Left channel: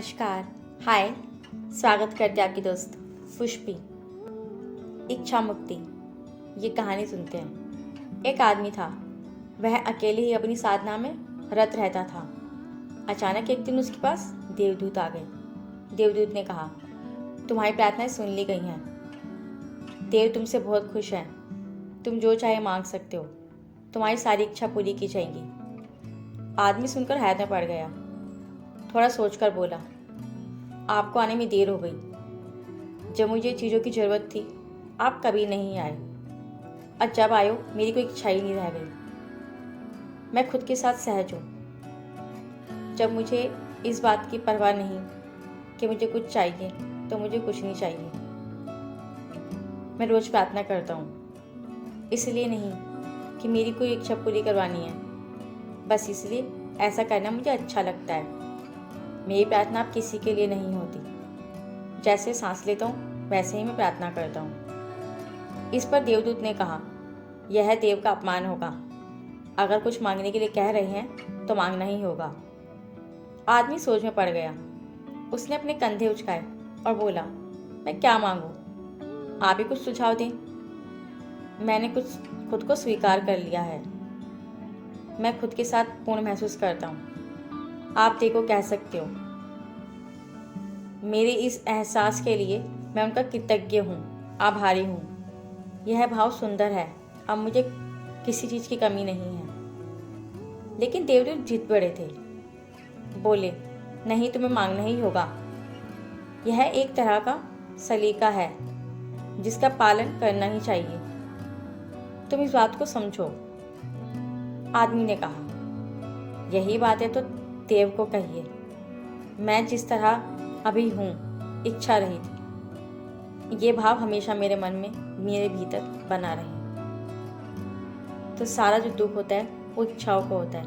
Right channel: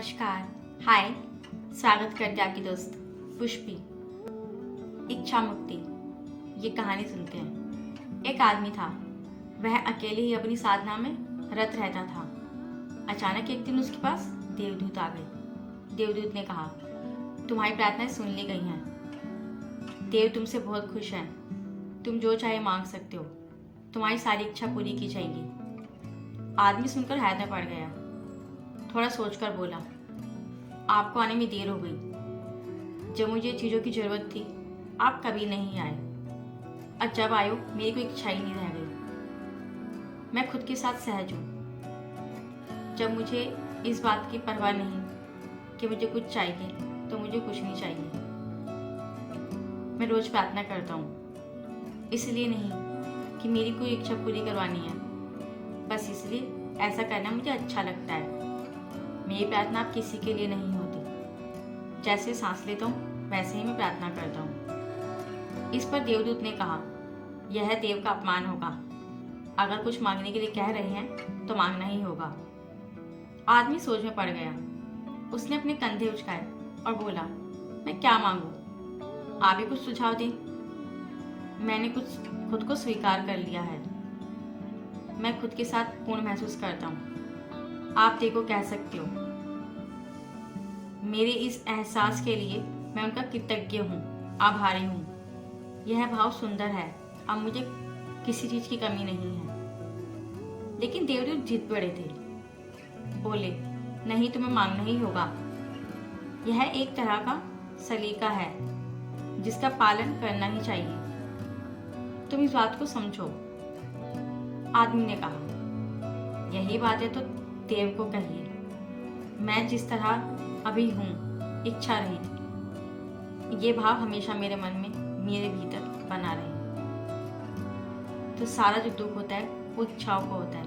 नमस्कार। हाय। स्वागत करते आपकी दोस्त पुष्पी। इच्छा मुक्ति। ये कहानी सुनते हैं। एक आदमी था। वह अकेले ही अपनी साधना में रत रहता था। अचानक एक दिन उसके पास देवदूत आ गए। देवदूत ने कहा, तुम्हारी प्रार्थनाएं सुन ली गई हैं। देव तुमसे बहुत खुश हैं। तुम जो चाहे मांग सकते हो। तुम्हारी सारी इच्छा पूरी की जाएगी। आदमी सुनकर हैरत में पड़ गया। थोड़ा सोचकर बोला, आपको आने में देर हो गई। जब मुझे चीज़ों की ज़रूरत थी आप कभी नहीं आए, और जब आयो मेरी कोई इच्छा ही नहीं रह गई। मैं खुद के साथ सहज हूँ। जब मुझे इस बात की परवाह नहीं कि मुझे कुछ चाहिए तो मुझे कुछ नहीं चाहिए। मैं रोज़ प्रार्थना करता हूँ, इसलिए नहीं कि मेरी कोई इच्छा पूरी करवानी है, बस इसलिए ऐसा करना मुझे अच्छा लगता है। मेरी प्रार्थना अब किसी के लिए नहीं होती। जैसे सांस लेता हूँ वैसे ही मैं प्रार्थना करता हूँ। इस पर देवदूत ने कहा, यह देव का अपमान होगा। अगर कुछ मांगने के लिए कह रहे हैं तो मांगना ही होगा। आदमी सोच में पड़ गया। उसने अपने कंधे उचकाए और बोला, मैं क्या मांगूं? आप ही कुछ सुझाव दें। मैंने खुद को स्वीकार कर लिया है। मैं खुद के साथ पूर्ण महसूस करता हूँ। आप देखो कह सकते हो। मेरे इस एहसास के लिए मैं उनका कृतज्ञ हूँ, आभारी हूँ। यह भाव सुंदर है। अब मुझे किसी चीज़ की कमी नहीं है। लेकिन देवदूत जिद पड़े थे। बोले, नहीं, तुम्हें मांगना ही होगा। यह एक तरह का सलीका है जिसका पालन करना ही चाहिए। तुम इस बात को समझो। आदमी ने कहा, यही बात है तो देव को कहिए। मैं जिस तरह अभी हूँ, इच्छा रहित, ये भाव हमेशा मेरे मन में, मेरे भीतर बना रहे। तो सारा जो दुख होता है वो इच्छाओं को होता है।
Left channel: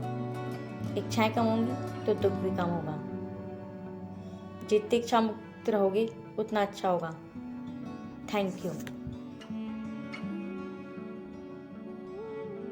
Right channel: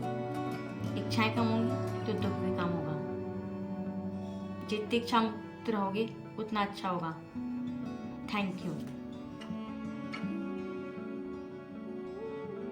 इच्छाएं कम होंगी तो दुख भी कम होगा। जितनी इच्छा मुक्त रहोगे उतना अच्छा होगा। Thank you.